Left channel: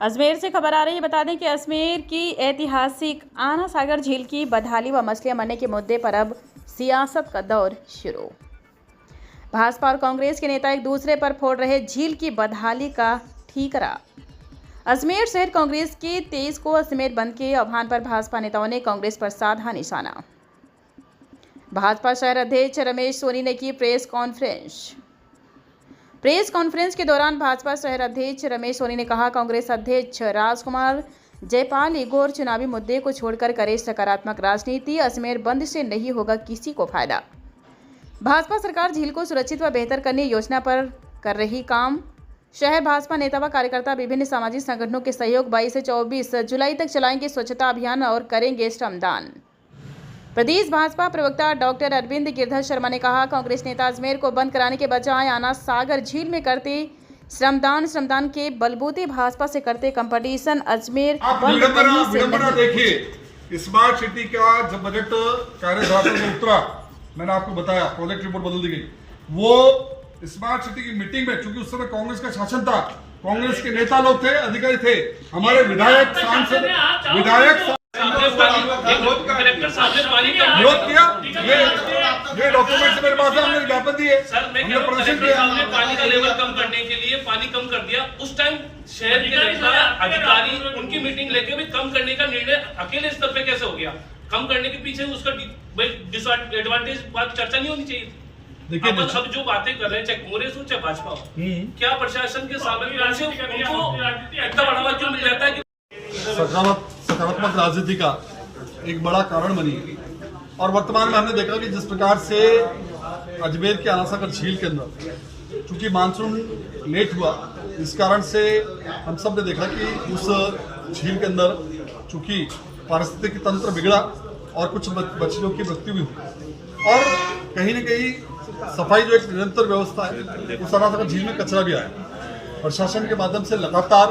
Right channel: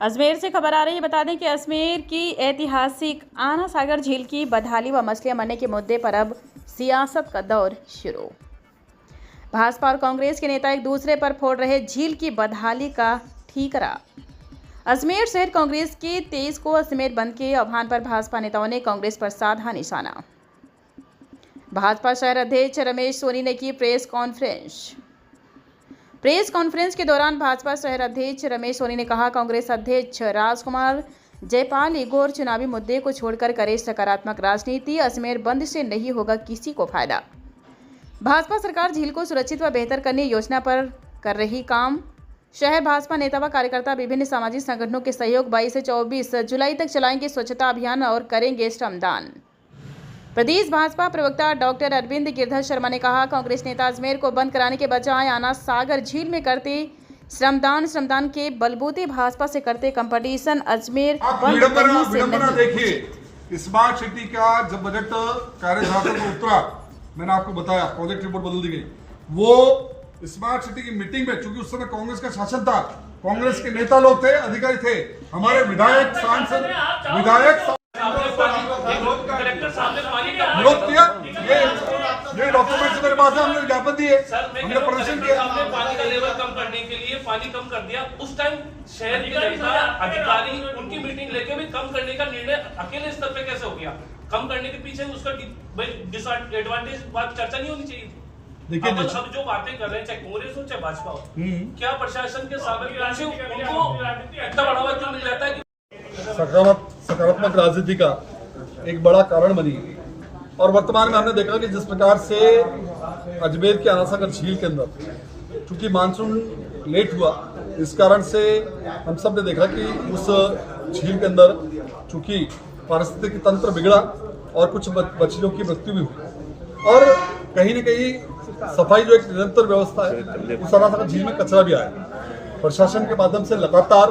अजमेर से खबर आ रही है। बता दें कि अजमेर की ऐतिहासिक आना सागर झील की बदहाली व मछलियां मरने के मुद्दे पर अब सियासत का दौर शुरू। भाजपा और कांग्रेस के नेता एक दूसरे पर फोड़ रहे झील की बदहाली का ठीकरा। अजमेर शहर कांग्रेस के 23 को अजमेर बंद के आह्वान पर भाजपा नेताओं ने कांग्रेस पर साधा निशाना। भाजपा शहर अध्यक्ष रमेश सोनी ने की प्रेस कॉन्फ्रेंस के दौरान भाजपा शहर अध्यक्ष रमेश सोनी ने कहा, कांग्रेस अध्यक्ष राजकुमार जयपाल ईगो और चुनावी मुद्दे को छोड़कर करे सकारात्मक राजनीति। अजमेर बंद से नहीं होगा किसी को फायदा। भाजपा सरकार झील को सुरक्षित व बेहतर करने योजना पर कर रही काम। शहर भाजपा नेता व कार्यकर्ता विभिन्न सामाजिक संगठनों के सहयोग 22 से 24 जुलाई तक चलाएंगे स्वच्छता अभियान और करेंगे श्रमदान। प्रदेश भाजपा प्रवक्ता डॉक्टर अरविंद गिरधर शर्मा ने कहा, कांग्रेस नेता अजमेर को बंद कराने के बजाय आना सागर झील में करते श्रमदान के बलबूते भाजपा से करते कंपटीशन। अजमेर बंद नहीं से नहीं। देखिए, स्मार्ट सिटी का जब बजट कार्यशाला में उतरा, मैंने आपको बताया प्रोजेक्ट रिपोर्ट बदल दी गई। वो स्मार्ट सिटी की मीटिंग में, चूंकि उस समय कांग्रेस का शासन था, कांग्रेस के नेता लोग थे, अधिकारी थे, हमारे विधायक सांसद विरोध किया। ये डॉक्यूमेंट मेरे पास है, हमने ज्ञापन दिए, हमने प्रदर्शन किया। पानी का लेवल कम करने के लिए पानी कम कर दिया। उस टाइम शहर के नेता अधिकारी उनकी मीटिंग लेके भी कम करने का निर्णय अकेले स्तर पे कैसे हो गया? कम करने के पीछे उसका डिसएडवांटेज बात चर्चा नहीं होनी चाहिए। देखिए, सब जो बातें कर रहे हैं, चाहे कांग्रेस हो चाहे भाजपा हो, क्या प्रशासन के सामने से उनको इतना बढ़ावा क्यों मिल जाता है कि सकारात्मक राजनीति का एक बड़ा कारण बनी है। और वर्तमान में हमने देखा कि जिस प्रकार से अजमेर के आना सागर झील के अंदर चूंकि मानसून लेट हुआ, इस कारण से हम सब ने देखा कि उस झील के अंदर चूंकि पारिस्थितिकी तंत्र बिगड़ा और कुछ मछलियों की मृत्यु भी हुई। और कहीं न कहीं सफाई जो एक निरंतर व्यवस्था है, उस आना सागर झील में कचरा भी आया। प्रशासन के माध्यम से लगातार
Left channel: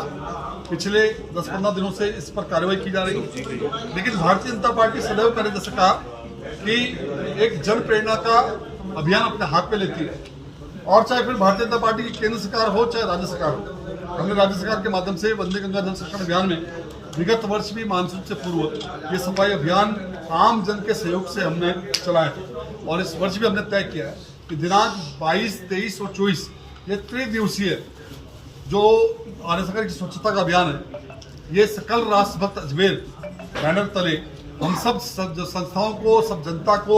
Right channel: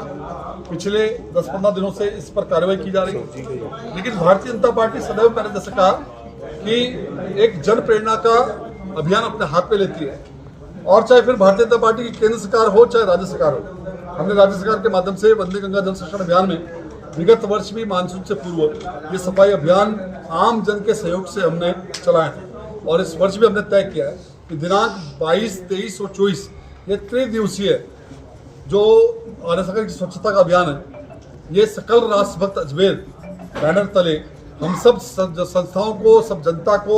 पिछले 10-15 दिनों से इस पर कार्रवाई की जा रही है। लेकिन भारतीय जनता पार्टी सदैव मैंने जैसे कहा कि एक जन प्रेरणा का अभियान अपने हाथ में लेती है। और चाहे फिर भारतीय जनता पार्टी की केंद्र सरकार हो चाहे राज्य सरकार हो, हमने राज्य सरकार के माध्यम से वंदे गंगा जल संरक्षण अभियान में विगत वर्ष भी मानसून से पूर्व ये सफाई अभियान आम जन के सहयोग से हमने चलाया था। और इस वर्ष भी हमने तय किया है कि दिनांक 22, 23 और 24 ये त्रिदिवसीय जो आना सागर की स्वच्छता का अभियान है, ये सकल राष्ट्र भक्त अजमेर बैनर तले हम सब संस्थाओं को, सब जनता को,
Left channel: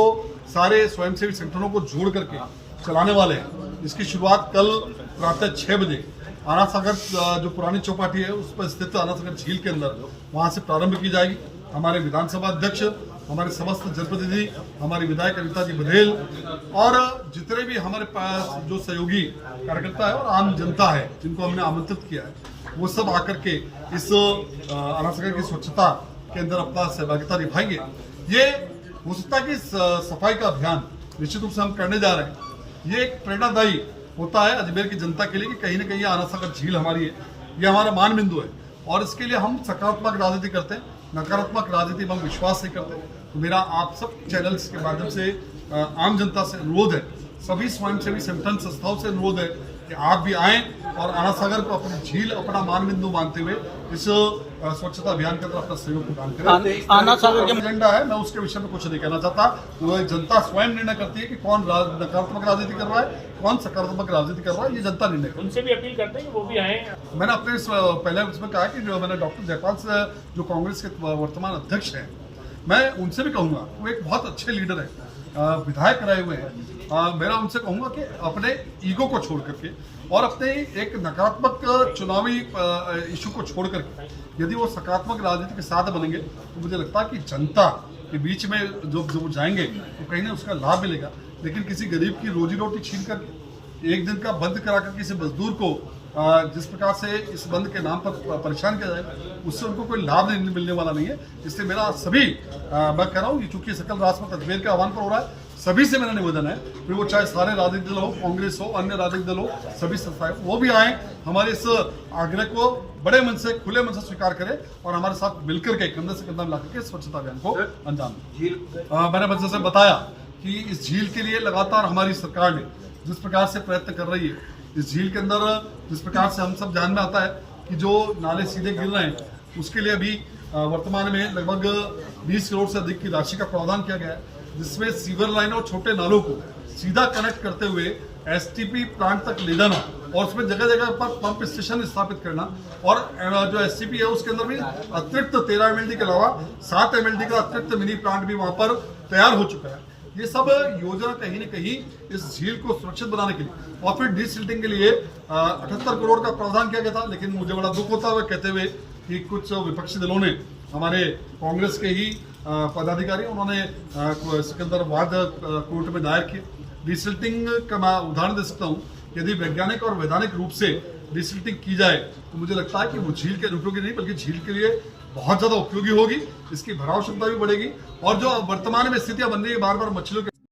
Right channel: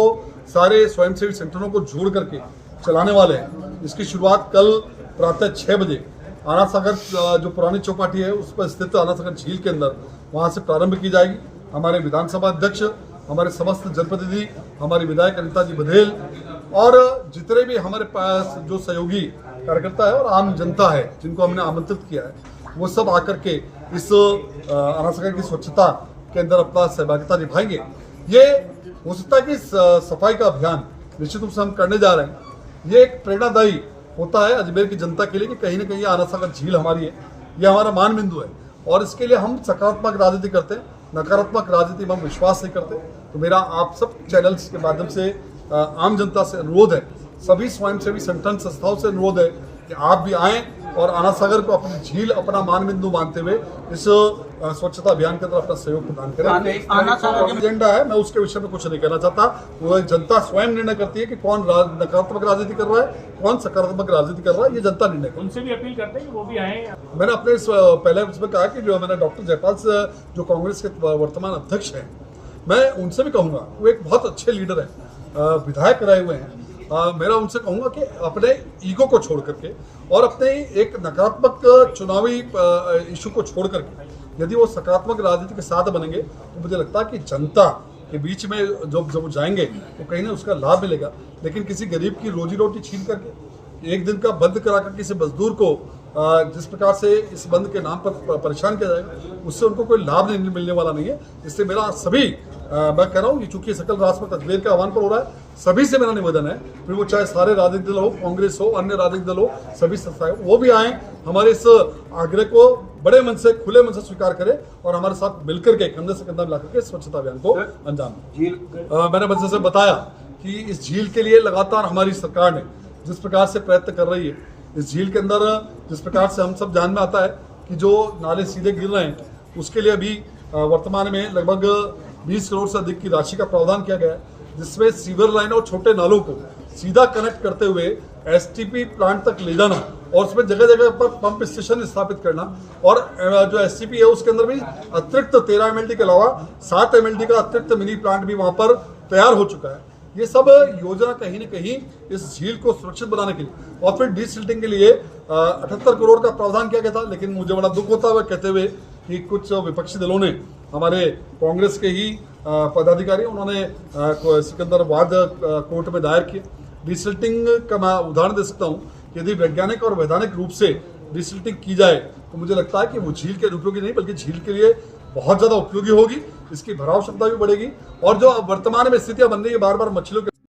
सारे स्वयंसेवी संगठनों को जोड़ करके चलाने वाले हैं। इसकी शुरुआत कल प्रातः 6 बजे आना सागर जो पुरानी चौपाटी है उस पर स्थित आना सागर झील के अंदर वहां से प्रारंभ की जाएगी। हमारे विधानसभा अध्यक्ष, हमारे समस्त जनप्रतिनिधि, हमारी विधायक अनिता जी बघेल और जितने भी हमारे पास जो सहयोगी कार्यकर्ता है और आम जनता है जिनको हमने आमंत्रित किया है, वो सब आकर के इस आना सागर की स्वच्छता के अंदर अपना सहभागिता निभाएंगे। ये हो सकता है कि सफाई का अभियान निश्चित रूप से हम करने जा रहे हैं। ये एक प्रेरणादायी होता है अजमेर की जनता के लिए कि कहीं ना कहीं आना सागर झील हमारी है, ये हमारा मान बिंदु है। और इसके लिए हम सकारात्मक राजनीति करते हैं, नकारात्मक राजनीति में हम विश्वास नहीं करते। तो मेरा आप सब चैनल्स के माध्यम से आम जनता से अनुरोध है, सभी स्वयंसेवी संगठन संस्थाओं से अनुरोध है कि आप भी आएं और आना सागर को अपनी झील, अपना मान बिंदु मानते हुए इस स्वच्छता अभियान के अंदर अपना सहयोग प्रदान करें। आना सागर का एजेंडा है, मैं उसके विषय में कुछ नहीं कहना चाहता। वो जनता स्वयं निर्णय करती है कि कौन नकारात्मक राजनीति कर रहा है, कौन सकारात्मक राजनीति कर रहा है, ये जनता निर्णय करती है। उनसे भी अपील करते हैं कि वो भी आए। मैंने अपने पहले उसमें कहा कि मैंने डॉक्टर जयपाल से जो कांग्रेस के वर्तमान अध्यक्ष हैं, मैं उनसे भी कहूँगा, वो एक बहुत अच्छे लीडर हैं, विधायक रहे हुए हैं। मेरा उनसे कहूँगा कि अपने ईगो को छोड़ करके और अपने एक नकारात्मक चुनावी इशू को छोड़ करके यदि वो सकारात्मक राजनीति के साथ बनेंगे तो मुझे लगता है कि जनता के बीच में जब वो जाएंगे तो कहीं ना उसका लाभ मिलेगा। लेकिन किसी गरीब की रोजी रोटी छीन करके, एक दिन का बंद कराकर किसी मजदूर को जिस प्रकार से इस बंद के नाम पर परेशान किया जाएगा, उससे उनको कोई लाभ नहीं मिलने वाला नहीं है। इसलिए मेरा सभी मैं कह रहा हूँ, चूंकि सकल राष्ट्र अजमेर के आह्वान पर हो रहा है, सभी से मेरा निवेदन है, फिर वो चाहे सारे राजनीतिक दल हो, कांग्रेस हो, अन्य राजनीतिक दल हो, सभी संस्थाएं वो भी आए, हमारे इस आग्रह को बड़े मन से, खुले मन से स्वीकार करें और हमारे साथ मिलकर के कंधे से कंधा मिलाकर के स्वच्छता अभियान को अंजाम दें। मैंने मंच से बताया कि इस झील के लिए लगातार हमारी सरकार ने जिस प्रकार से प्रयत्न कर रही है, इस झील के अंदर जिस प्रकार से हम सब ध्यान में आता है कि जो नाले सीधे गिर रहे हैं उसके लिए अभी वर्तमान में लगभग 20 करोड़ से अधिक की राशि का प्रावधान किया गया है, जिसमें सीवर लाइन और छोटे नालों को सीधा कनेक्ट करते हुए एसटीपी प्लांट तक ले जाना और उसमें जगह जगह पर पंप स्टेशन स्थापित करना और जो एसटीपी है उसके अंदर भी अतिरिक्त 13 एमएलडी के अलावा 7 एमएलडी का अतिरिक्त मिनी प्लांट भी वहां पर तैयार हो चुका है। ये सब योजना कहीं न कहीं इस झील को सुरक्षित बनाने के लिए और फिर डीसिल्टिंग के लिए 78 करोड़ का प्रावधान किया गया था। लेकिन मुझे बड़ा दुख होता है कहते हुए कि कुछ विपक्षी दलों ने, हमारे कांग्रेस के ही पदाधिकारी, उन्होंने सिकंदराबाद कोर्ट में दायर किए। डीसिल्टिंग का मैं उदाहरण दे सकता हूँ, यदि वैज्ञानिक और वैधानिक रूप से डीसिल्टिंग की जाए तो मुझे लगता है कि वो झील के उपयोगी नहीं बल्कि झील के लिए बहुत ज्यादा उपयोगी होगी, इसकी भराव क्षमता भी बढ़ेगी और जो वर्तमान में स्थितियां बन रही है बार बार मछलियों के